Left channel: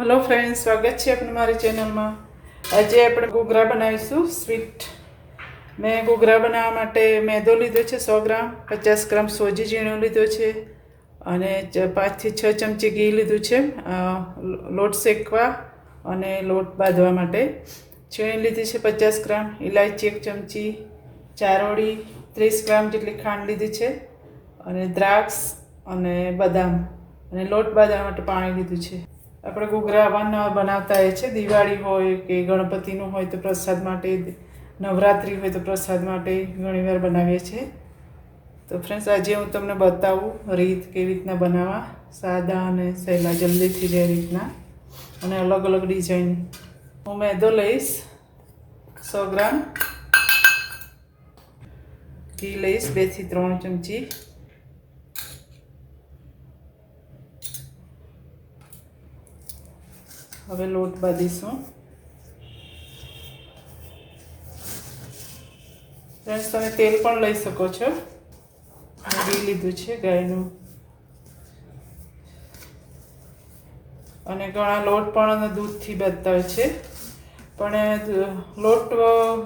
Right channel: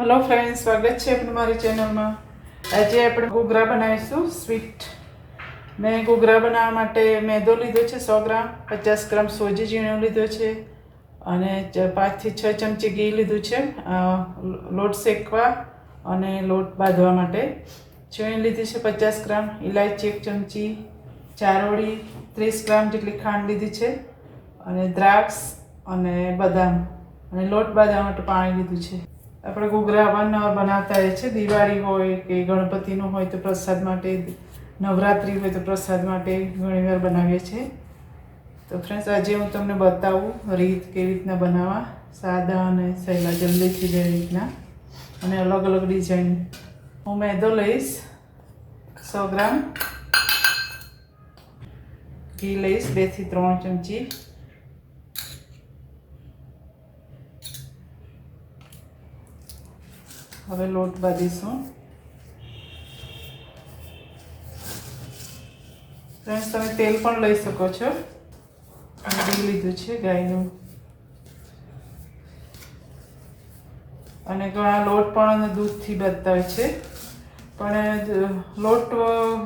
Hello friends, स्वागत है अपने मारी चैनल में। आज આપણે ઘૂઘરા બનાવીશું સ્વીટ। મેં ઘૂઘરા બનાવવા માટે મેદો લીધો છે 100 ગ્રામ, 50 ગ્રામ સોજી ઝીણું લીધો છે અને 5 થી 6 ચમચી ઘી લીધું છે લોટ શેકવા અને લોટ બાંધવા માટે। છીણી લીધી છે 50 ગ્રામ, ઇલાયચી 1 ચમચી, ચારોળી 30 ગ્રામ જેટલી ખાંડ લીધી છે અને દ્રાક્ષ અને બદામ અને લોટ બાંધવા માટે પાણી લીધું છે। આપણે ઘૂઘરા બનાવતા હોય છે, દિવાળી હોય કે ગણપતિનું હોય તો પ્રસાદ માટે, નવરાત્રિ હોય તો પ્રસાદ માટે ઘણીવાર બનાવીએ છીએ। તો ફ્રેન્ડ્સ, આજે હું તમને બતાવું રીત કેવી રીતના બનાવવા, સાદા અને સહેલા જલ્દી થઈ જાય રીતના અને અલગ અલગ ડિઝાઇન। હું મેદો લઈશ 100 ગ્રામ, ઘી લઈશ 2 થી 3 ચમચી, હવે લોટ બાંધીશું। ફ્રેન્ડ્સ, તમે તેલ પણ લઈ શકો છો। ઘી લીધું છે ગાયનું અને ઘણા લોટ પણ દૂધથી બાંધતા હોય છે, પણ લોટ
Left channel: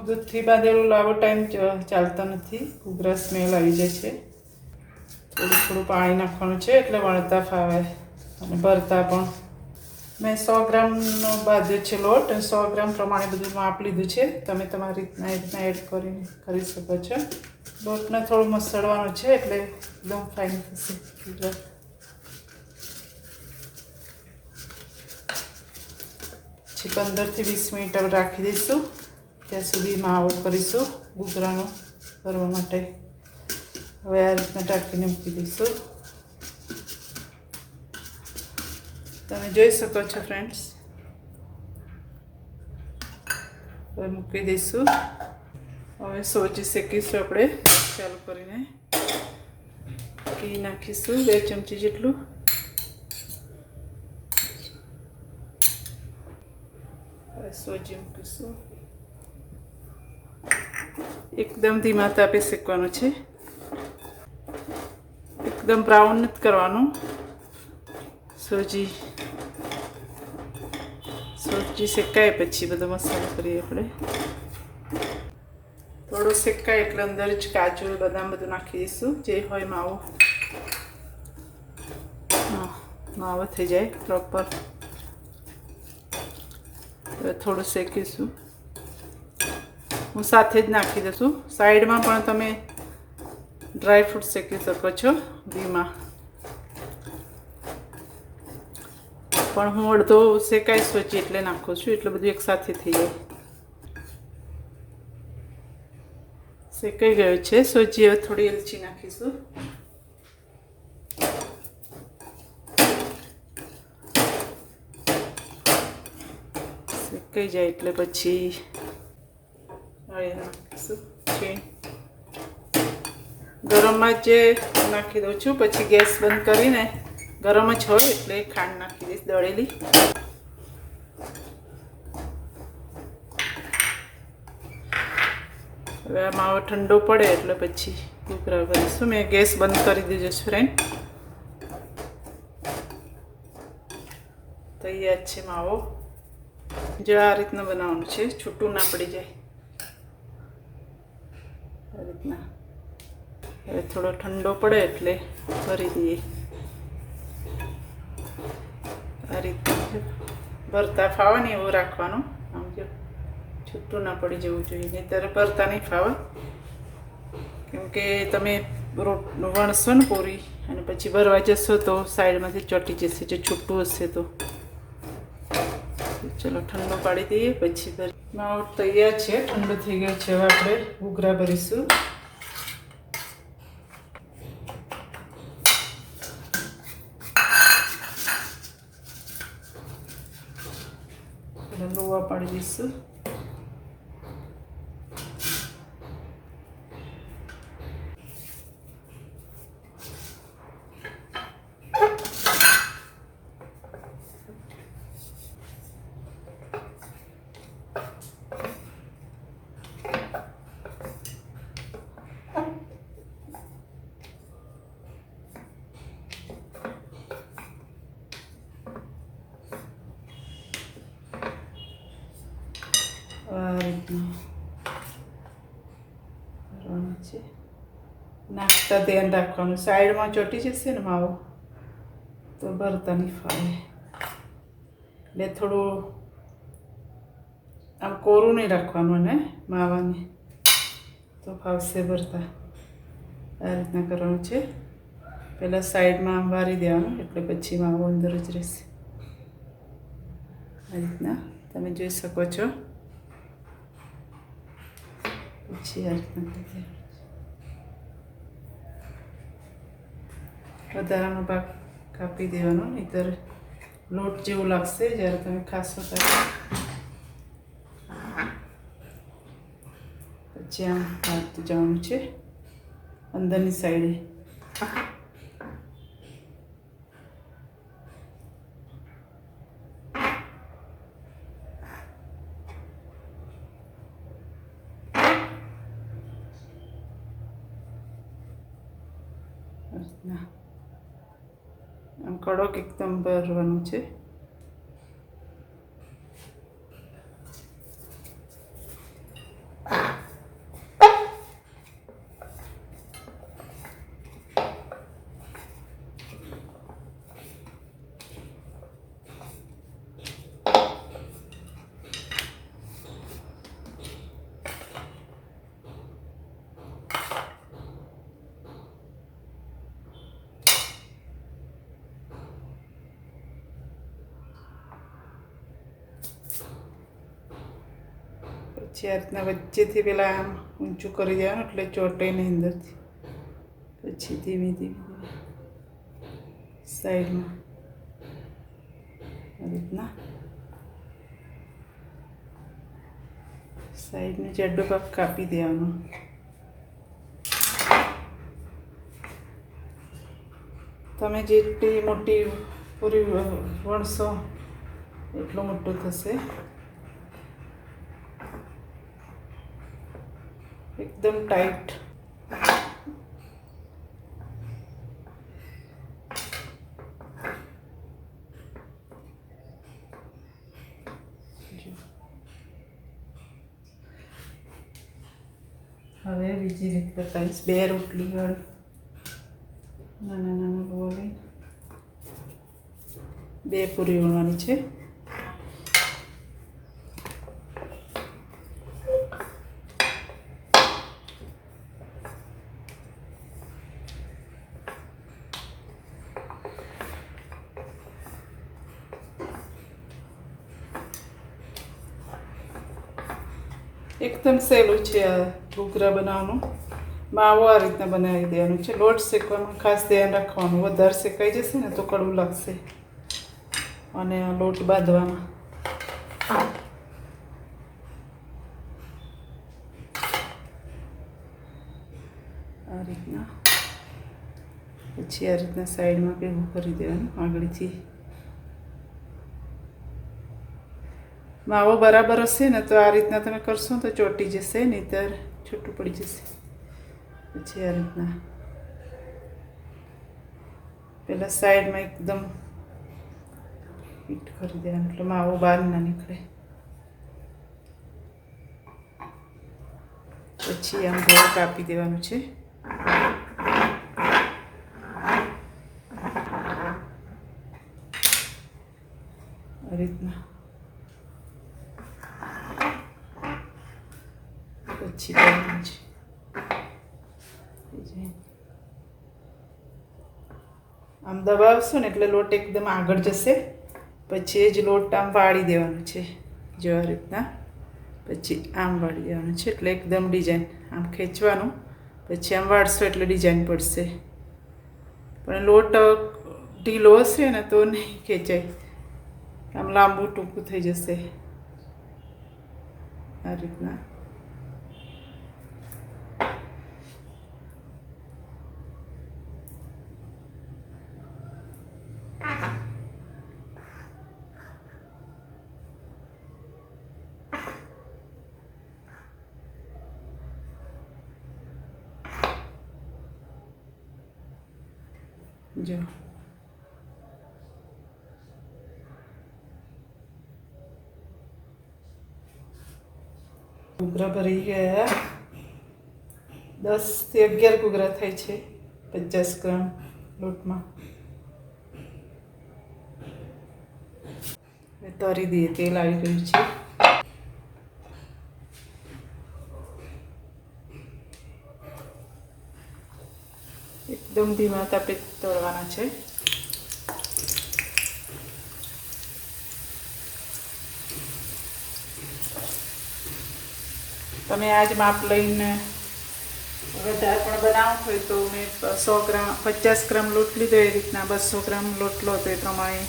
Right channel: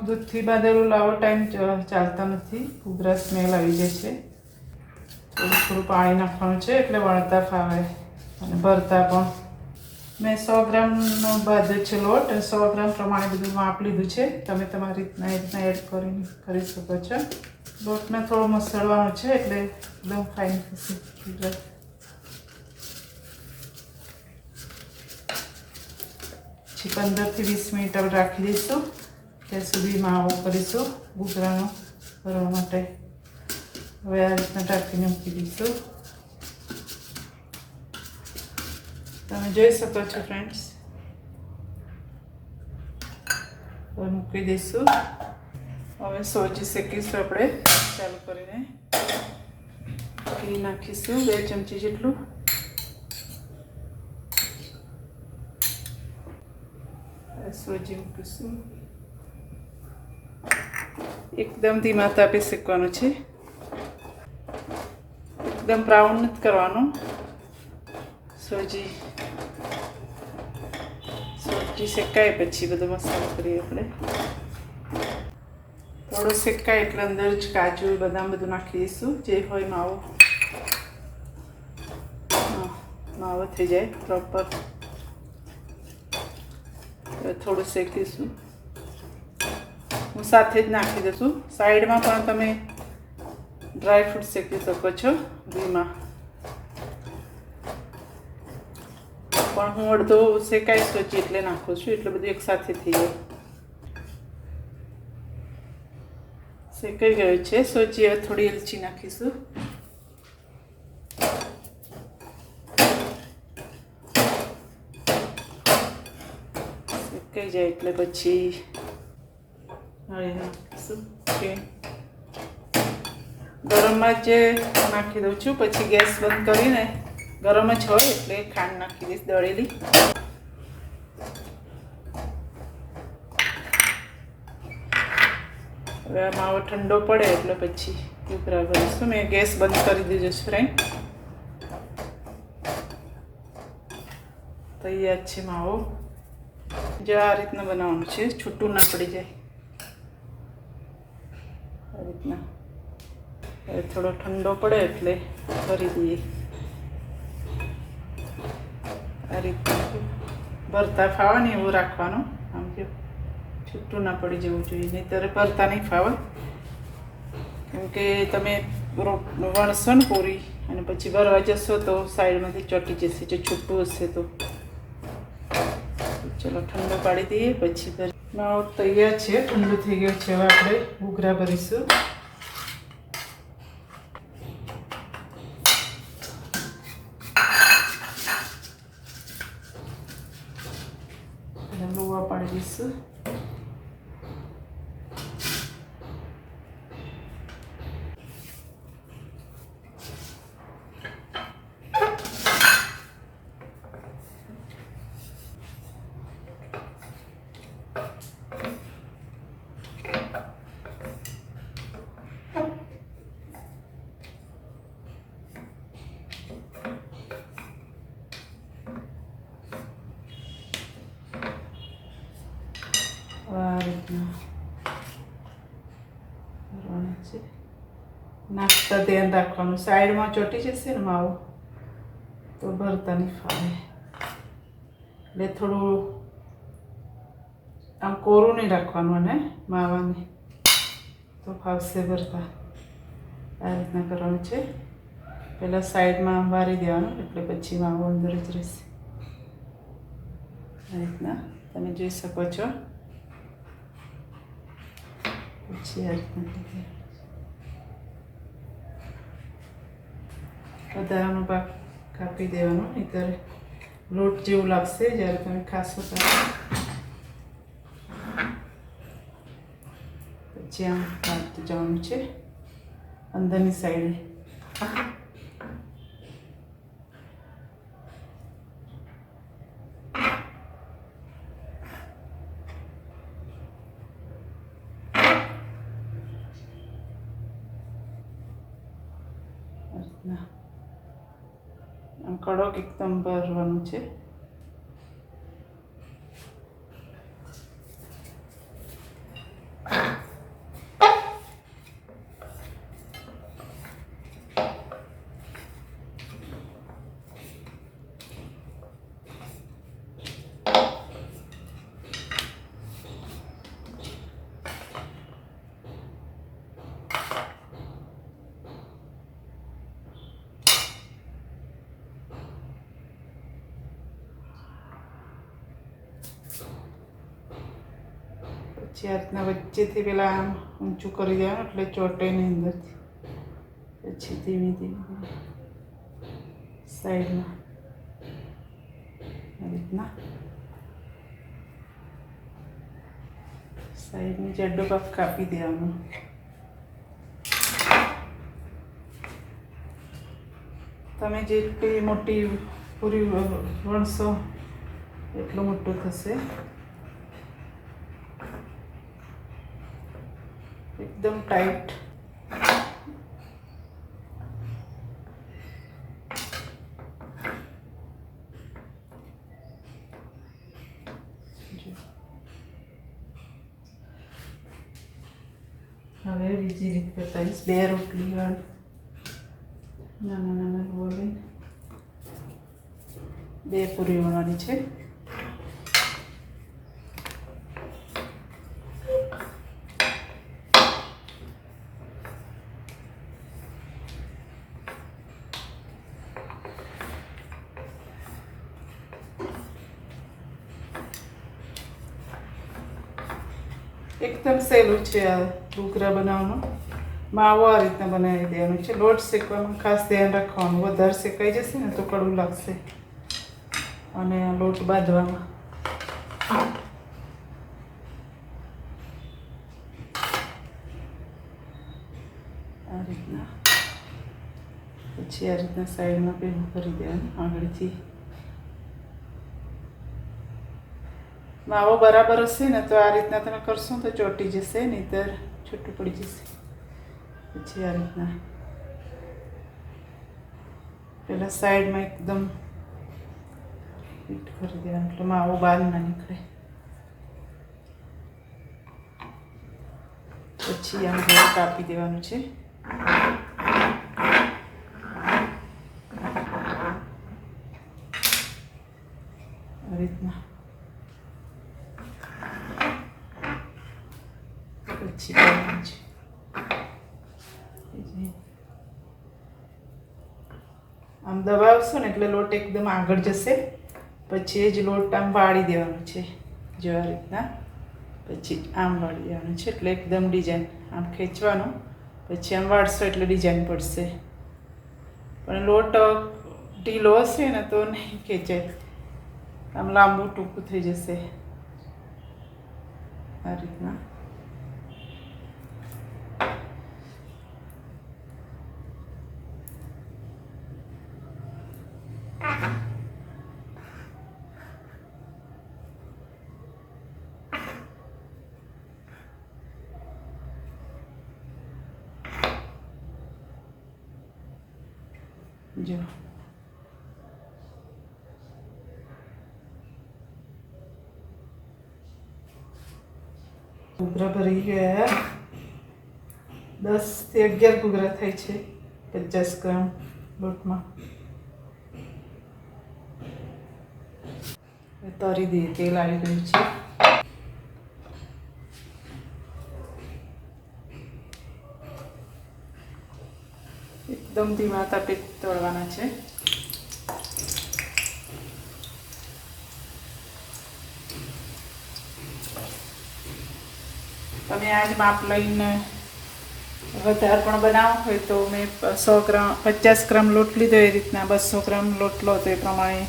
દૂધથી બાંધેલું લાવો ટાઈમ ચાલતા નથી, ઘૂઘરા સ્મેલ આવી જાય છે। થોડું થોડું પાણી નાખવાનું છે એટલે વણતા ફાવે અને ભરતા પણ। મેં 100 ગ્રામનો બાંધ્યો છે લોટ અને 100 ગ્રામ પ્રમાણે બધું માપ લીધું છે। તમે તમારી રીતના એડ કરી શકો છો। લોટને થોડું મસળવાનું છે એટલે એકદમ ફાઇન થશે। પછી 15 થી 20 મિનિટ રાખી દઈશું, ત્યાં સુધી માવો કરીશું ઘૂઘરાનો કરવા માટે। હવે આ રીતના ઢાંકીને મૂકી દઈશું। તમે જોઈ શકો છો ફ્રેન્ડ્સ, હવે મૂકી દઈશું। હવે સોજી શેકીશું આપણે ચાલુ કરીને। ઘી નાખીશું 2 ચમચી જેટલું, સોજી મૂકીશું। એકદમ ધીમા તાપે શેકવાનું છે, એકદમ બ્રાઉન નથી કરવાનું। સોજી શેકાય પછી બધો મસાલો કરીએ આપણે। થોડો શેકાય એટલે અંદર જ કાજુ બદામ બધું નાખી દઈશું, જે હોય માવો થઈ જાય પ્રોપર। થોડું શેકીશું, હું સાથે જ નાખી દઈશું। સાઈડમાં પણ તમે ડ્રાય ફ્રૂટ શેકી શકો છો ઘીમાં, પણ હું અડધો શેકાઈ સોજી એટલે નાખું છું, એટલે બધું એકસાથે થઈ જાય। શેકાઈ ગયો છે સોજી, હવે થોડી એલચી નાખીશું। શેકાઈ જાય એટલે પછી નાખીશું। ગરમમાં જ નાખી દઉં છું, પછી ગેસ બંધ કરીને ગરમ જ હોય એટલે ખાંડ નાખી દઈશ દળેલી। હવે માવો ઠંડો પડે એટલે પછી ઘૂઘરા કરીશું। મેં ગેસ બંધ કરી દીધો છે ફ્રેન્ડ। તૈયાર છે માવો। જો આ રીતના બનાવવાનું છે, છૂટું ના પડી જાય આ રીતના। હવે થોડો ઠંડો પડે એટલે ભરી દઈએ આ રીતે। ભરતા ફાવે ને એવું રાખવાનું, આમ કે છૂટું ના પડી જવું જોઈએ, નહીંતર ભરતા નહીં ફાવે, કેમ કે તમે વણશો ને પૂરી અને પછી ભરવા જશો તો સાઈડમાંથી ચોંટી જશે જો છૂટું હશે તો। ચલો ઠંડો પાડી દઈએ પછી માવો તૈયાર છે, ઠંડુ થઈ ગયો છે। હવે આપણે ઘૂઘરા ભરીશું। લોવા પાડી દઈશું। આ રીતના કરવાનું છે. નાખતા ધ્યાન રાખવાનું, સાઈડમાં ચોંટી જશે ને માવો તો ભરતા નહીં ફાવે. એટલે થોડું આમ કોરું નહીં રાખવાનું અને માવાને તો ફાવશે ભરતા. આ રીતના કરવાનું છે. પહેલાં સાઈડમાં આમ વારી દેવાનું એટલે પછી માવો અંદર જ રહેશે. આ રીતના તમે જોઈ શકો છો. પછી આ રીતના વધારાનો ભાગ કાપી દેવાનો, નહીંતર લોટ જેવું લાગશે જ્યારે તમે ખાશો ત્યારે. પછી આમ નાખતું જવાનું છે અંદરની સાઈડે. આમ કડક એકદમ ભરવાનું છે. પછી આ રીતના વચ્ચેથી પેલા આમ ઊંચું કરી દેવાનું એટલે ચોટે નહીં અંદરથી. પછી ધીમે ધીમે સાઈડમાં આ રીતના સાઈડને જાડો ભાગ કાપી દેવાનો. તમે જેટલી મોટી પૂરી વણશો એટલું મોટું થશે. એકદમ ટાઈટ. હવે બીજી રીત બતાવીશ. 2 રોટલી વાળી નાના નાના ગોળ લઈને 2 પૂરી વણવાની છે. એકદમ સહેલું છે આ ઘૂઘરા બનાવવાનું. માવો આ રીતના બનાવી દેવાનું છે. લોટ શેકવાનું ખાસ ધ્યાન રાખવાનું, વધારે શેકાઈ જશે ને તો કડવું લાગશે. અને લોટ બાંધવામાં આ રીતના. પછી આ રીતના સાઈડમાં ભેગું કરી દેવાનું આગળથી. માવો બરાબર હશે ને તો આ રીતના તમે કરશો તો ચોંટી જશે, નહીંતર છૂટું પડી જશે. પછી આ રીતના પહેલાં સાઈડમાં એકદમ ફિટ કરી દેવાનું એટલે માવો બહાર ના નીકળે. પછી આમ ગોળ કાપી દેવાનું છે. આ રીતના પછી કરવાનું છે. આમ દબાવશો ને એટલે લોટ એકદમ આગળ જશે. પછી એ જ લોટ આમ વાળી દેવાનો છે જો આ રીતના. પછી આમ વાળી દેવાનું છે એટલે એકદમ ડિઝાઇન. આમ ખેંચવાનું પછી આમ વાળશો એટલે ડિઝાઇન પડશે. પણ લોટ ઢીલો હશે ને તો નહીં ખેંચાય, આમ લાંબુ ટૂંકું થઈ જશે. આ રીતના જો ઘૂઘરા ભરી ગયા. 10 થી 11 ઘૂઘરા થાય છે 50 ગ્રામ લોટમાં. તરી દઈએ, તેલ આવી ગયું છે. એકદમ ધીમા તાપે તળવાના છે. તમે આજ માપ લઈને વધારે પણ બનાવો હોય તો મેં 100 ગ્રામ 50 ગ્રામ લોટ લીધો, એ રીતના 200 ગ્રામ લોટ લો તો એ પ્રમાણે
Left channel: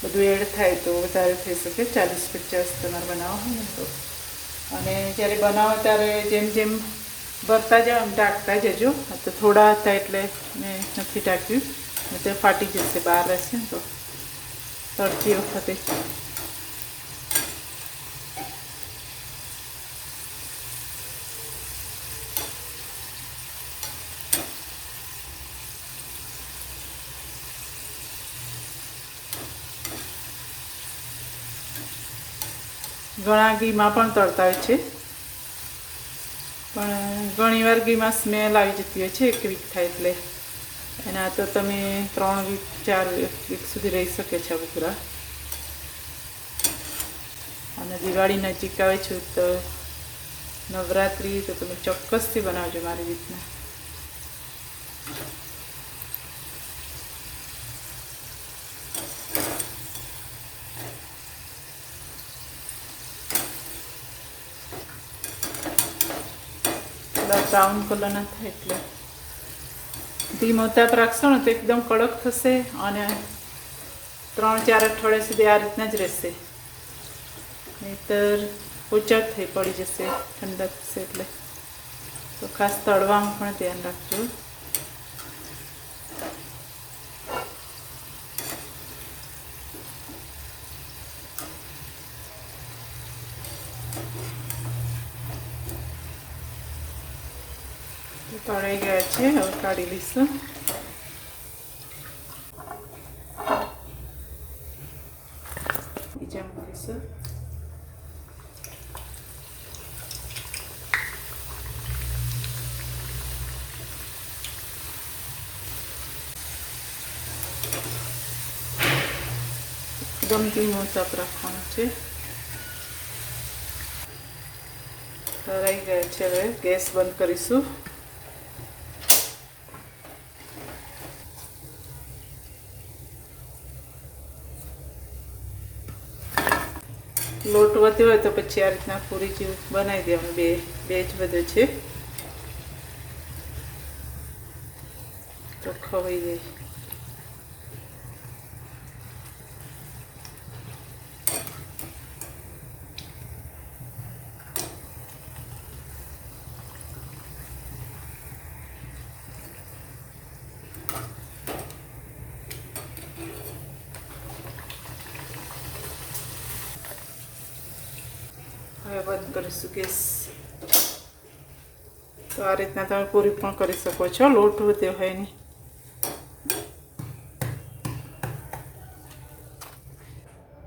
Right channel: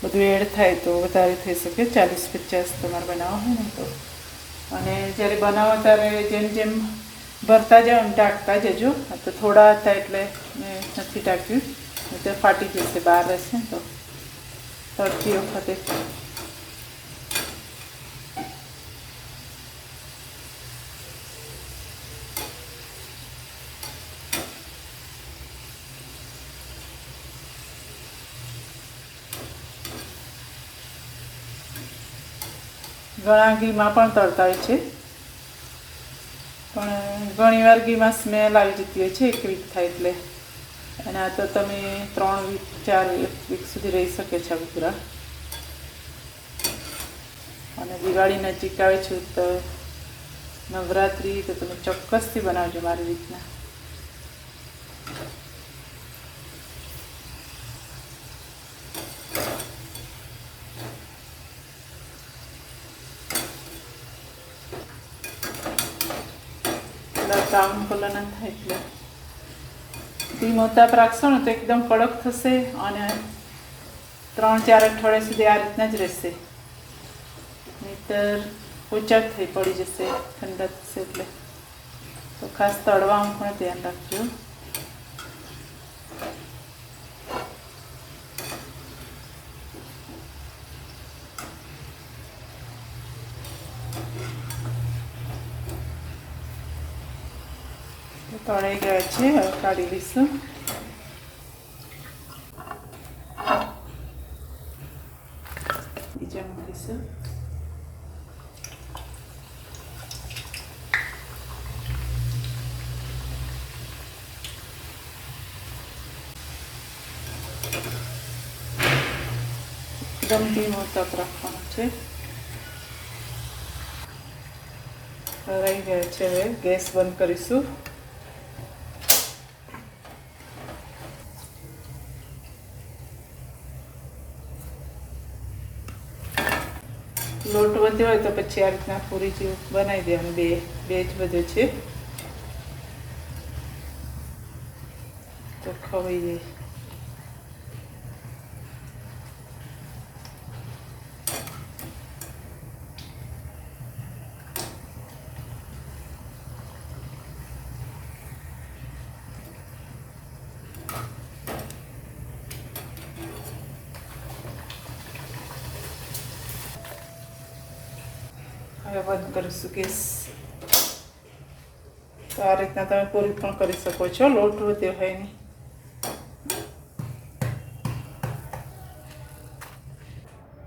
બધું એડ થાય તો વધારે થઈ શકે. 40-50 તમારે બનાવવો હોય ને તો. અને જ્યારે બનાવો ત્યારે જેમ જેમ ભરતા જાઓ એમ ટાંકતા જજો. તો થોડા હતા એટલે મેં નથી ટાંક્યું, તો ફાટી જશે, બહાર રહેશે ને તો તળતી વખતે. ઘણા ઘીમાં પણ તળતા હોય છે, પણ ઘણીવાર ઘીમાં સ્મેલ આવી જતી હોય છે 1 વીક થાય એટલે. એના તો તમે 3 વીક 4 વીક સુધી રહી શકે છે આ ઘૂઘરા. અને દિવાળી નજીક આવે છે તો નવરાત્રિ તો તમે ચોક્કસથી બનાવજો મારી રીતના. બ્રાઉન કલર ના થાય એટલે ધીમો તાપ રાખશો ને તો એકદમ કડક થશે અને 3-4 અઠવાડિયા સુધી આ રીતના જ રહેશે. નહીંતર ઓછા થઈ પડી જશે, ઠંડા થશે એટલે. તો ખાસ તળવામાં પણ ધ્યાન રાખજો. તળાઈ ગયા છે, હવે કાઢી લઈશું. બીજા મૂકીશું. એકદમ ધીમો તાપ રાખવાનો છે. તળાઈ ગયા છે, હવે ગેસ બંધ કરીશું. લોટ વધ્યો હોય તો પછી આ રીતના પૂરી જેવું બનાવી દેવાનું. બે જ બધો છે તો ખવાઈ ગઈ. હવે બંધ કરીશું ગેસ. તો આ રીતના તમે પૂરી પણ કરી શકો છો, લોટ વધ્યો હોય ને.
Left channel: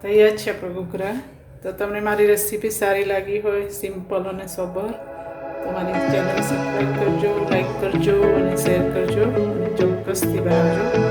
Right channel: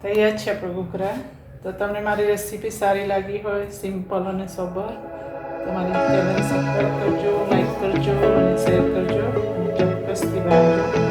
તૈયાર છે આપણું ઘૂઘરા. તો તમને મારી રેસીપી સારી લાગી હોય, સિમ્પલ અને સોબર, તો મારી ચેનલ સબસ્ક્રાઈબ કરજો, લાઈક કરજો અને શેર કરજો અને ચોક્કસથી બનાવજો.